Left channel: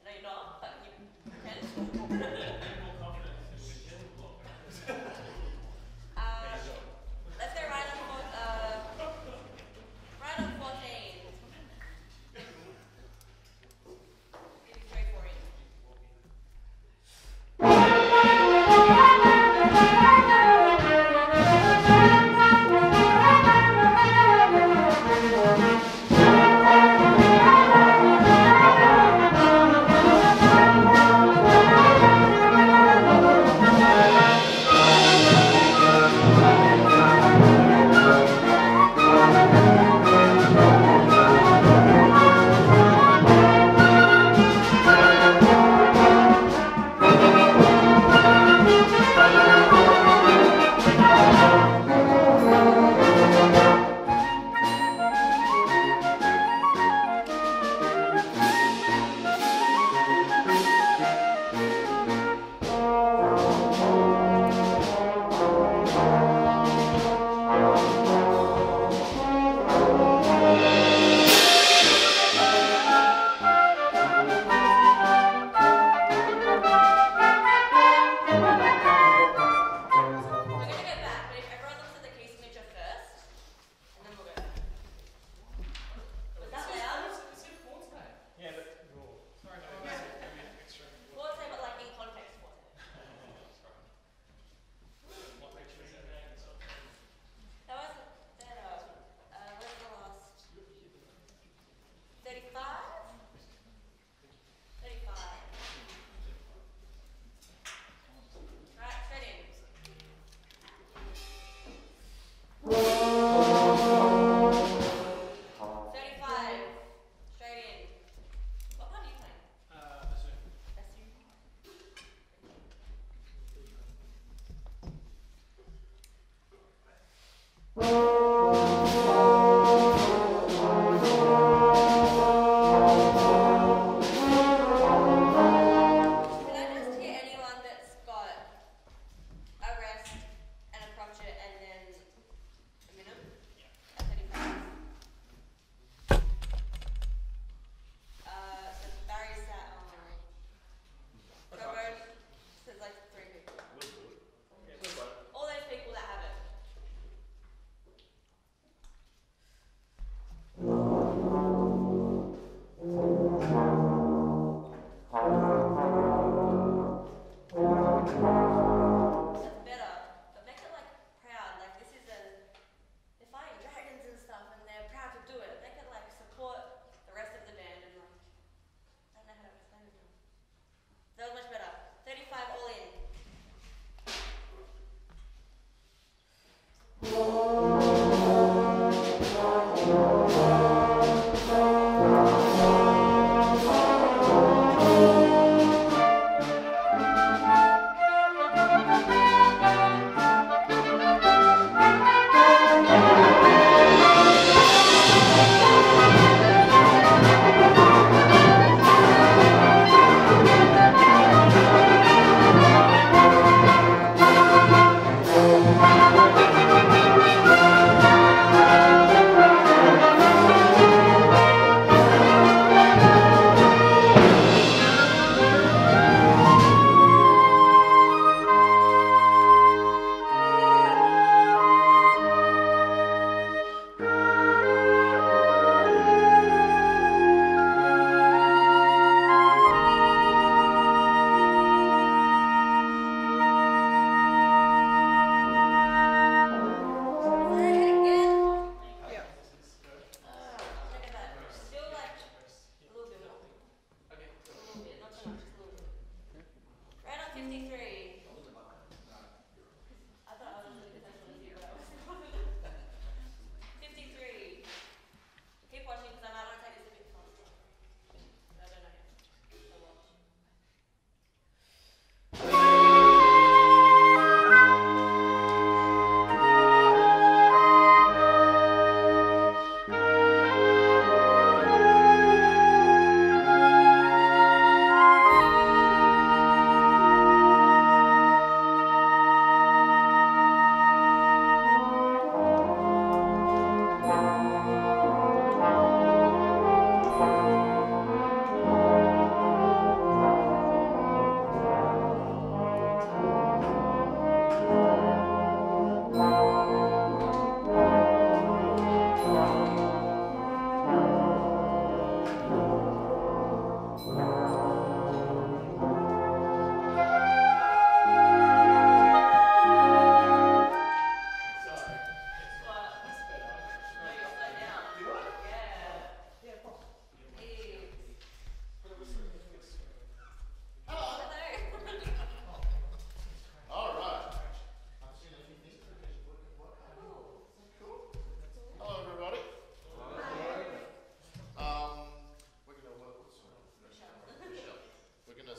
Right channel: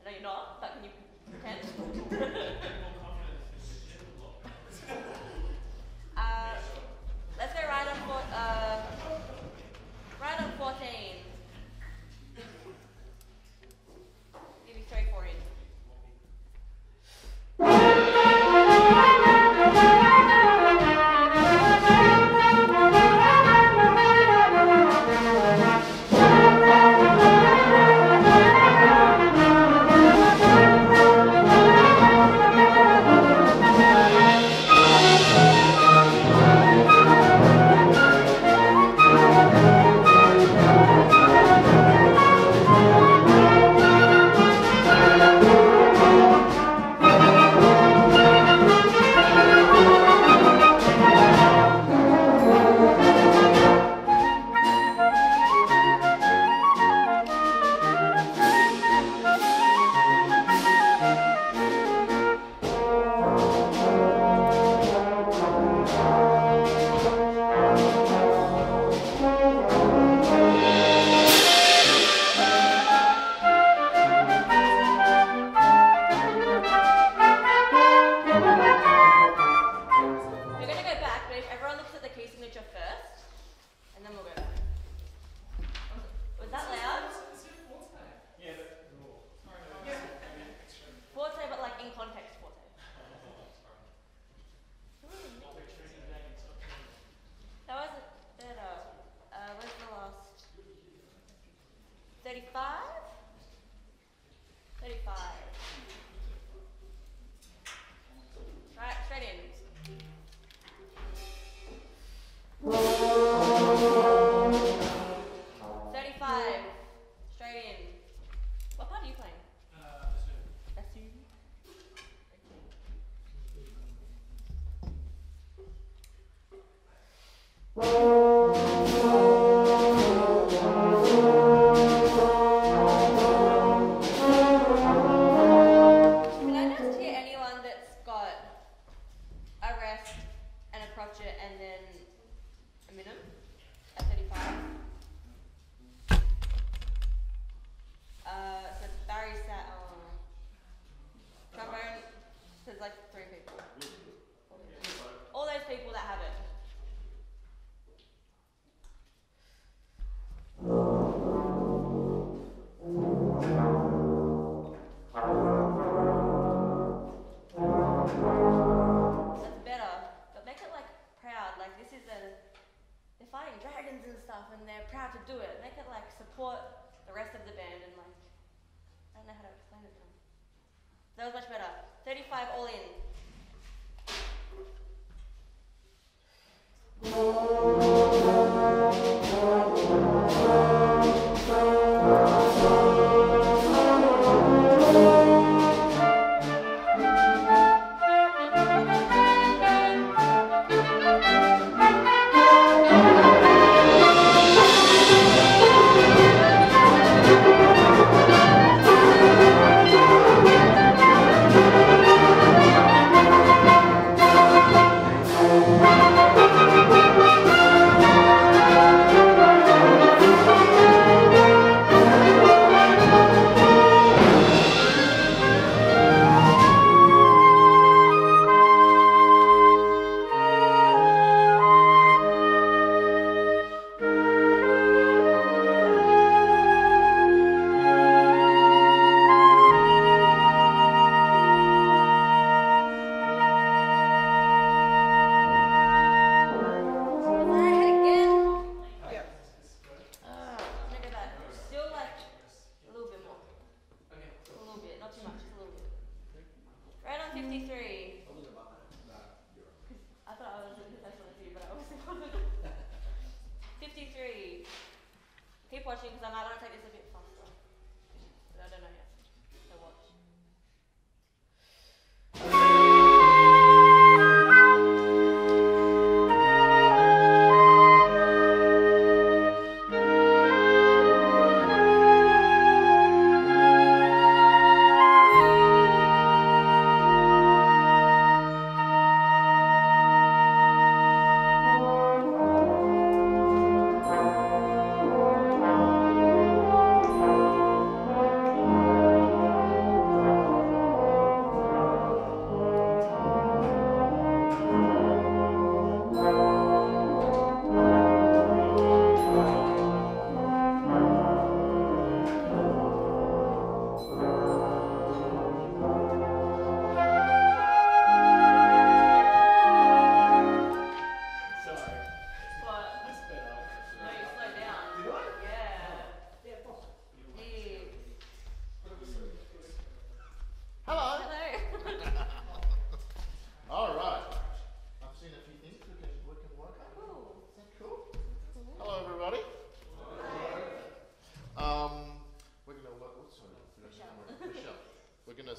I know you're not, but can you pretend? 35? 35. Right, straight in. 35. Straight in. What part are you playing? Bassoon. Can I just hear anyone that's got a rest and a crotchet and then a minim at 35? So Barry sat on trombone, says like 3 people. All those people that have it. That's better, but make it like proud, like this is they're fighting dragons and stuff and they're proud to do it. Make it like support the rest of the band and like, I don't know how to explain it to them. That was much better. 35 all in.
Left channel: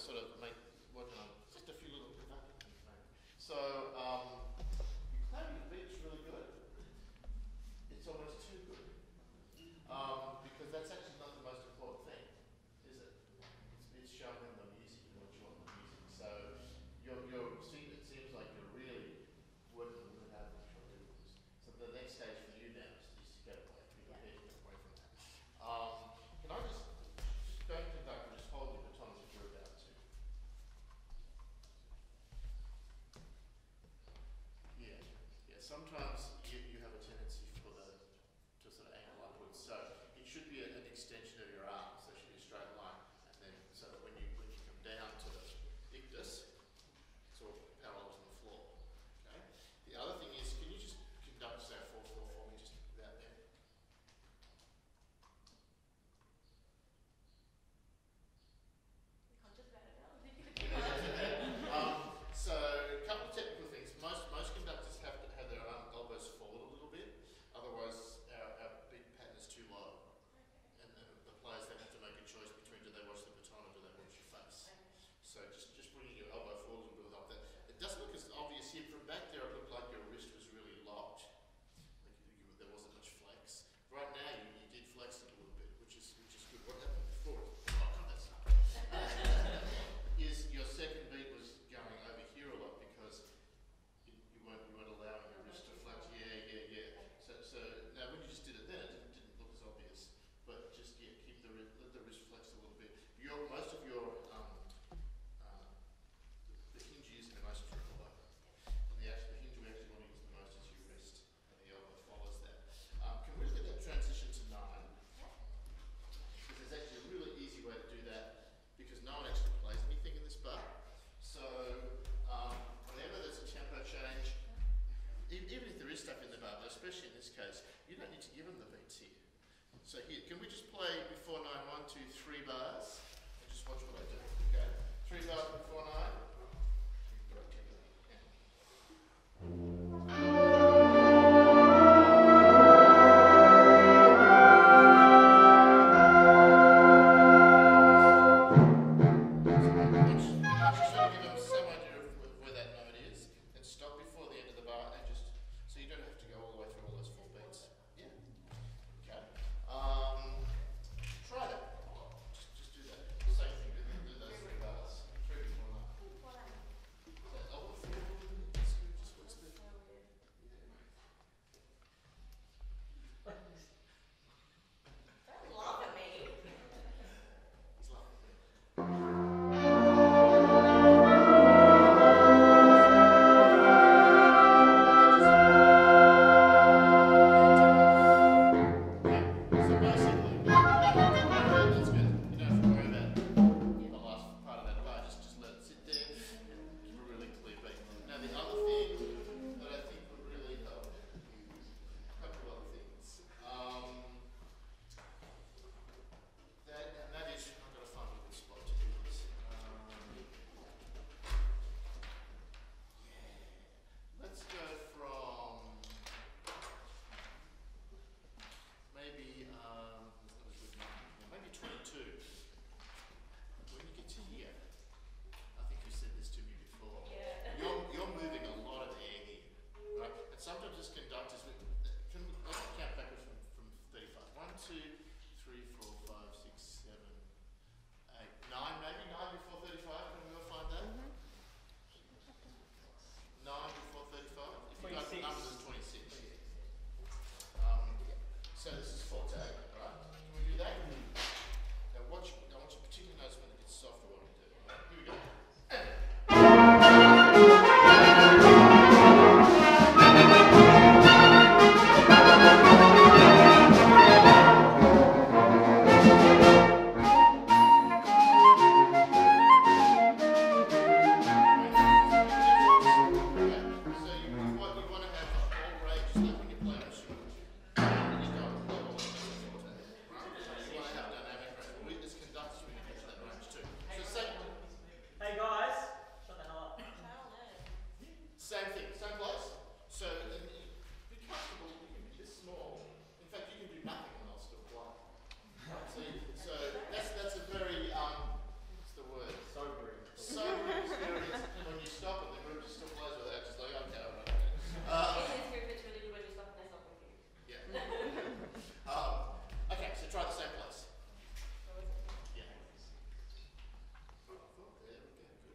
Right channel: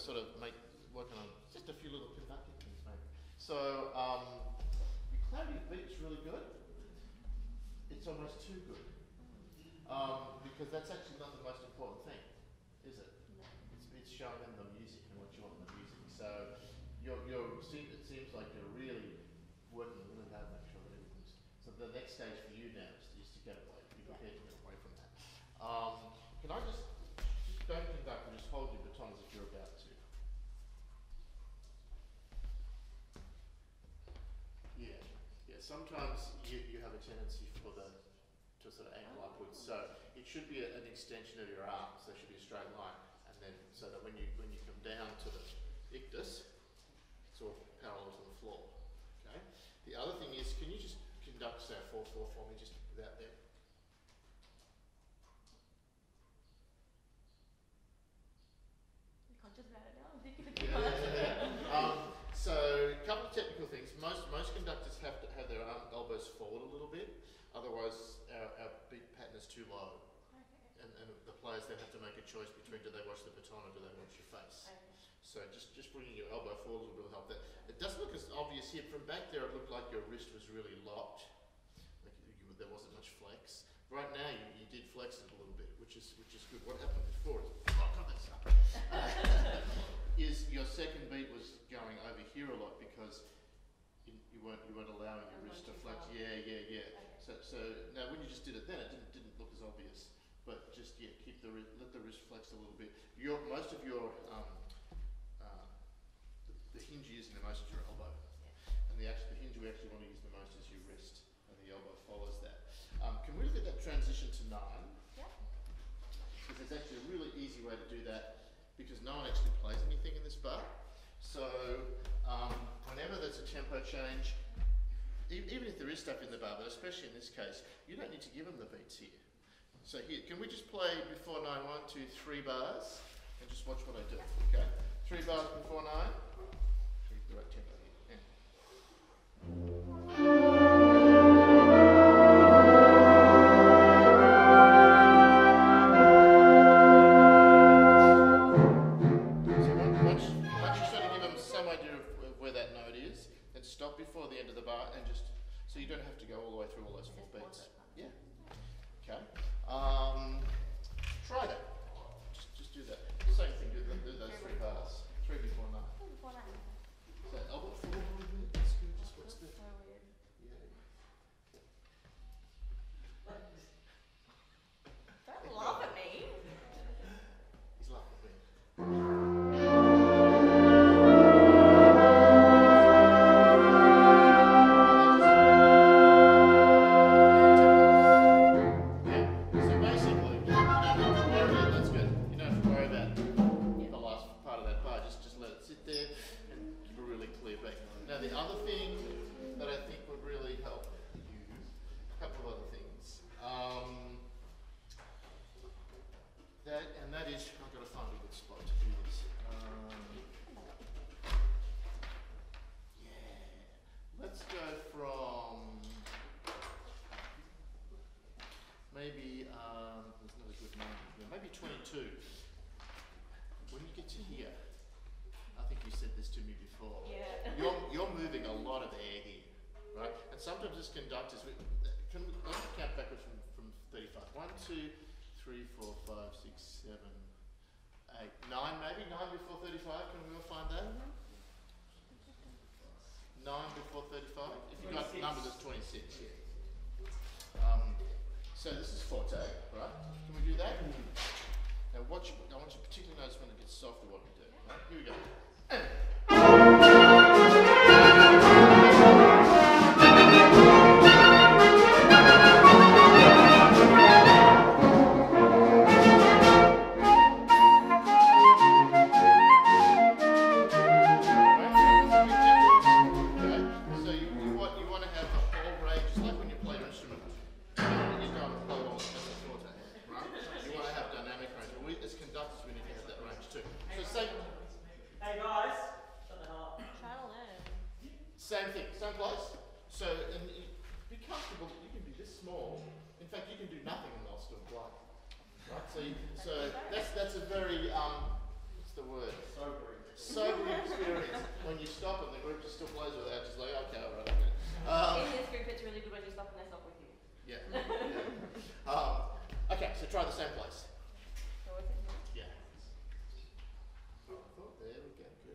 Sort of working on just a few little conducting things, maybe. So your clarity of beat's really good. It's almost too good because that's actually not the most important thing, is it? It's showing them the music and what you want in the music. So it seems like you're really working really hard to make sure that everything's. So the next stage for you now is to get away. Be prepared to get away from that. Can I just don't conduct and just hold your baton as if you're about to. Yeah. Sometimes you have a tendency to sort of angle upwards. So it should be an extension of your arm. So it should be a straight line, and then so that when you come down to the ictus, it's all parallel to the floor. Okay. The other thing is, can you just conduct say 4/4 for me, just about there? do they watch the baton or do they watch your face? Okay. So just bringing your elbow forward will help that. It doesn't look as obvious here. From back there, it looked like your wrist was really locked. Like there wasn't much flex. Right now, you did flex it a little bit, which is good. What happened before is your second beat was going over here a lot because you weren't allowing your wrist to flex. Yeah. Okay. So now when you just did it then, it didn't look as obvious. But just keep let the wrist flex a little bit. Most of your the hinge you're using the most is your elbow, and the hinge we actually want to use the most is your wrist, and the elbow follows that. Can we look at that transition to 9? Yep. Because there's actually a really easy way to do that, because no one actually plays anything in this bar. So whenever there's a tempo change, even if there is stuff in the bar, but especially in this case, you don't need to give them the beats here. So here, can we just play before 9, 1, 2, 3 bars, and just watch what I do, okay? 3 bars before 9. Keep the right tempo here. Once you sort of give them some idea of where that note is, then stop before the end of the bar and just, so you don't have to go all the way through all those 4 beats. Yeah. Okay. Try that. Just do that. Same thing, do those 3 bars. 3 before 9. Before 9. So elbow forward, that's good. Just watch the. So weird. Yeah. Don't laugh at me. He's laughing at me. So basically, you don't have to worry, that's good. You don't have to worry about the last part of that bar. Just let it sit there and give a really clear beat. Now the other thing that I think would really help you, a couple of other things. That is, I've got to find a good spot to do this. Yeah. Let's go from maybe there's not a good number here. Maybe 22. When you get to here, I think you said this to me before. Yeah. You're moving a lot of air here, right? And sometimes as conductors, let's count backwards from 35. 1, 2, 3, 4, 5, 6, 7, 8, 9 maybe? 9 before 35, can we all find that? 9 before 35? If you've got numbers, it's 26, yeah. So this is forte, right? Can we do that? Now I want you to particularly notice when it gets softer what we do. Right? Here we go. Same thing, same place. So, and be comfortable. You can be this small. In fact, you can do nothing and they'll still play. Right. So that's a very what's the word? Sobering experience. When you stop and the group just still plays without, just like okay, all right. In this group, it's really good when you stop and they stop with you. Yeah. Okay, so try the same place. So what's it? Yeah. Oh, there we go. Good.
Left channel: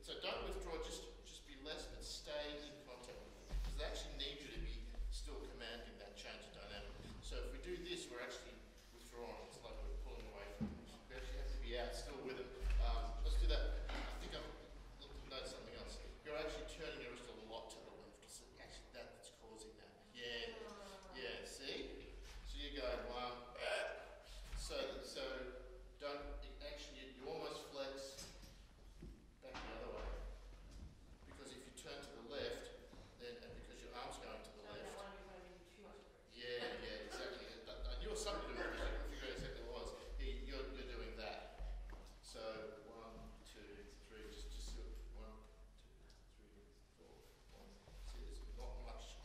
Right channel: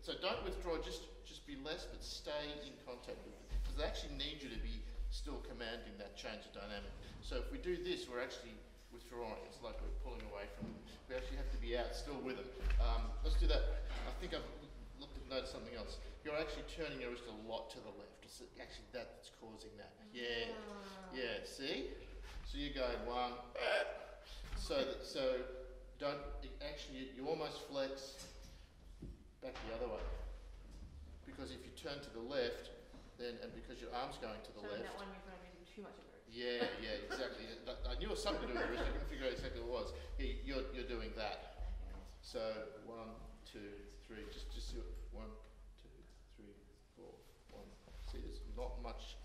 So don't withdraw, just be less, but stay in contact with it. Because they actually need you to be still commanding that change of dynamic. So if we do this, we're actually withdrawing. It's like we're pulling away from it. We actually have to be out still with it. Let's do that. I think I've noticed something else. You're actually turning your wrist a lot to the left. It's actually that's causing that. Yeah, yeah, see? So you're going 1, so don't, actually you almost flex back the other way. Because if you turn to the left, then, and because your arm's going to the left. That one you're going to do too much of it. Yeah, exactly. I knew it was something to do with the wrist. I couldn't figure out exactly what it was. Yeah, you're doing that. So 1, 2, 3. Just do it. 1, 2, 3, 4. 1. See, there's not much.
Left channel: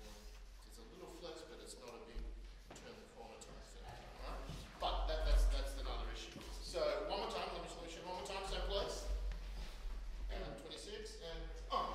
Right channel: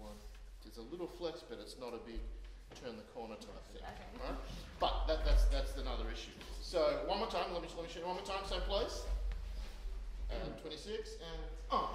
One. There's a little flex, but it's not a big turn the corner type thing, right? But that's another issue. So one more time. Let me show you one more time. Same place. And 26 and on.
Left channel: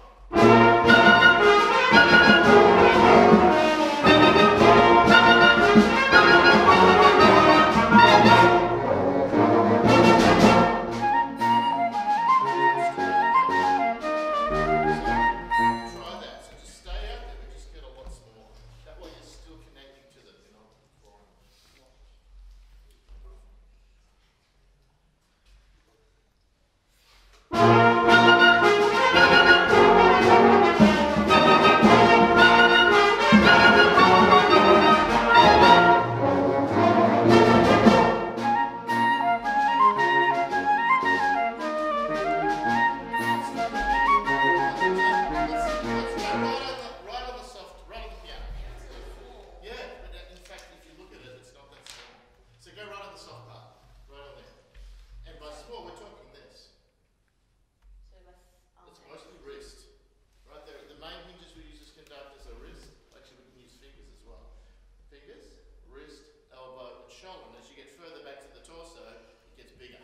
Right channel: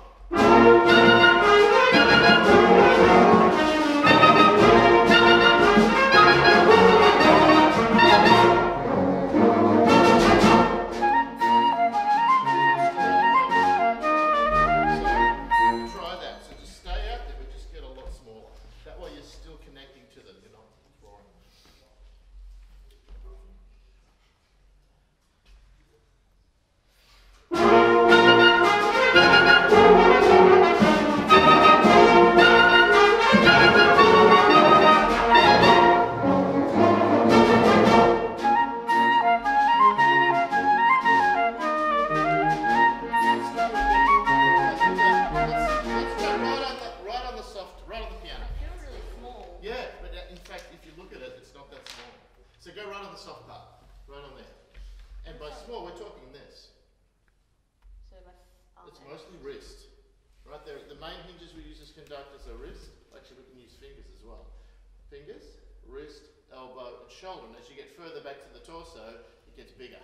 Fingers, wrist, elbow, and shoulder. And as you get further back to the torso, it gets bigger,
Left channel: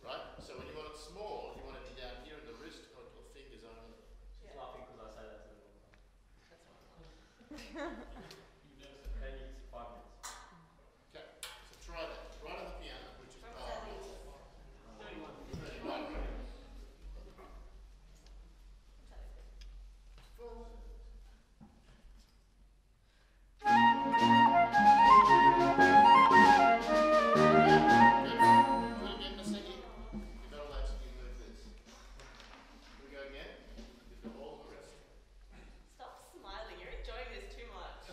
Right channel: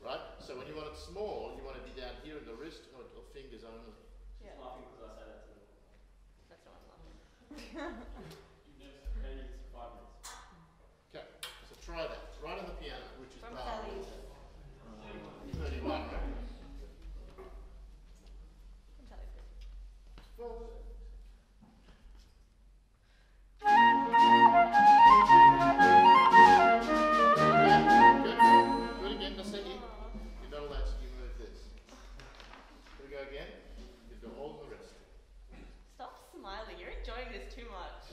right? So when you want it small, you want to be down here in the wrist or fingers only. Yeah. She's laughing because I say that to them. That's what I'm laughing. You never said, hey, it's 5 minutes. Okay, so try that. Right on the piano, which is From about Sally's. 31, right? From Sally's good. Well, Stop smiling. You're enjoying this too much.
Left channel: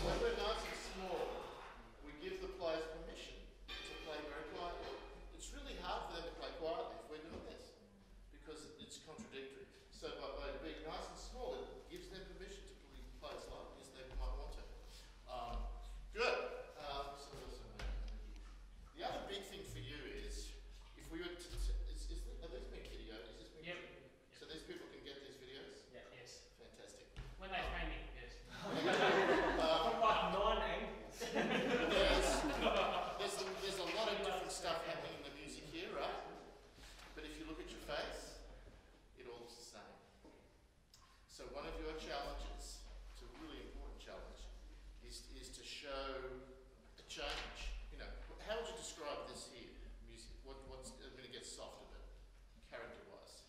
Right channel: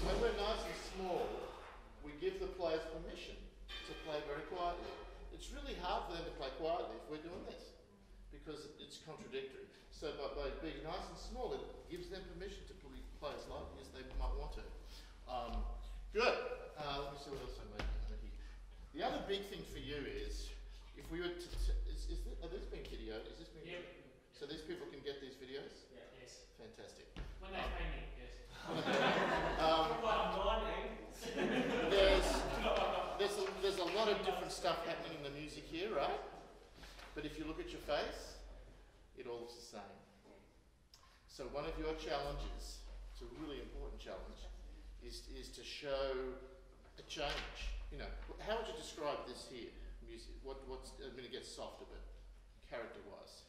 When we're nice and small, we give the players permission to play very quietly. It's really hard for them to play quietly if we're doing this, because it's contradictory. So by being nice and small, it gives them permission to play as loudly as they might want to. Good. Let me see what else I made here. The other big thing for you is, if we were to, are these being videoed? Is this being? Yep. So these people can get these videos? Yeah, yes. Fantastic. When they pay me, yes. There's a lot of different stuff happening in the music here, right? But if you look at your face, it all looks the same. So one of your challenges, it's a really important challenge, is to show a change. You know, how would you describe this here, music? What's I mean, it gets soft a bit, character-wise.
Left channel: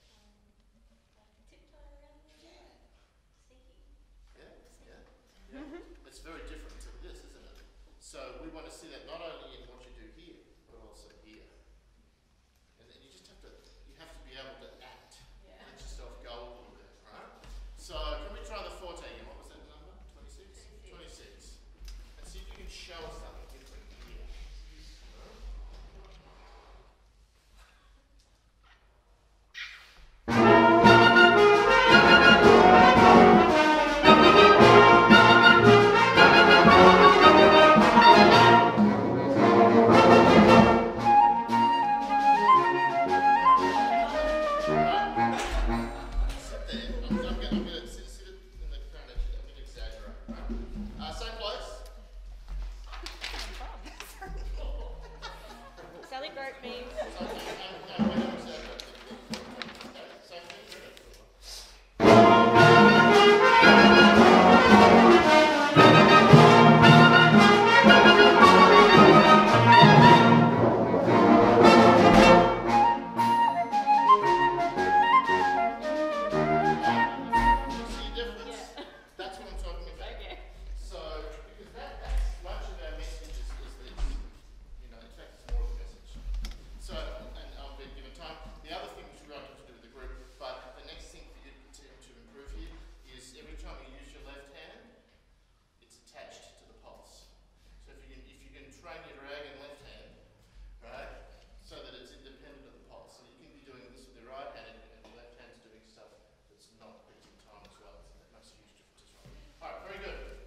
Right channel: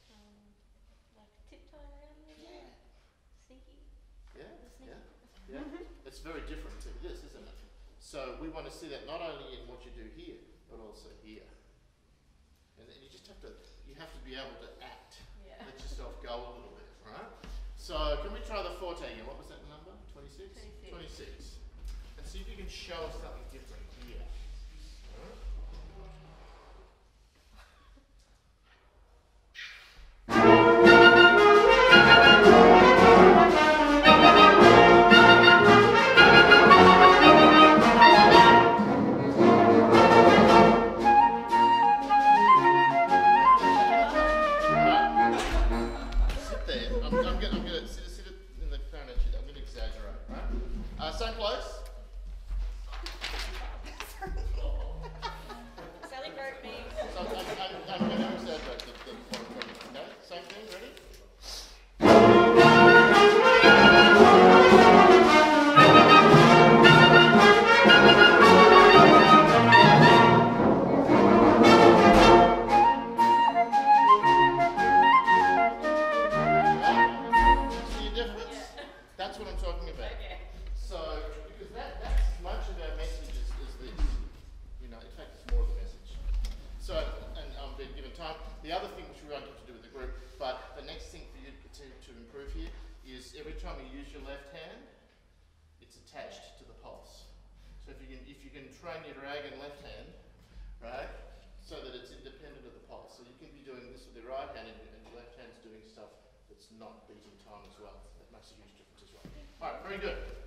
Like tiptoeing around a little bit. Sneaky. Yeah. It's very different to this, isn't it? So we want to see that not only in what you do here, but also here. And then you have to be able to act. Yeah. Let yourself go a little bit, right? So can we try the forte again? What was that number? 26? 26. And see if you can show us something different here. Right? Sit there. I'm gonna sit it in the corner. I'm gonna exaggerate, right? Same place. Sally broke me. So I'm gonna exaggerate the thing. Okay, same thing. Ready? See the difference? Yeah. That's what I'm talking about. Okay. So, because that's much of our message is this. You know, in fact, it's more of the message. So, and I'm being given time. The other thing which we wanted to do with the group, but the next thing for you to improve here is every time you use your left hand, it's attached to the pulse. So if you you can train your dragon left hand, right, so that it's independent of the pulse. So you can be doing this with your right hand and your left hand's doing stuff that's not beating time as well. That makes a huge difference as well. All right, very good.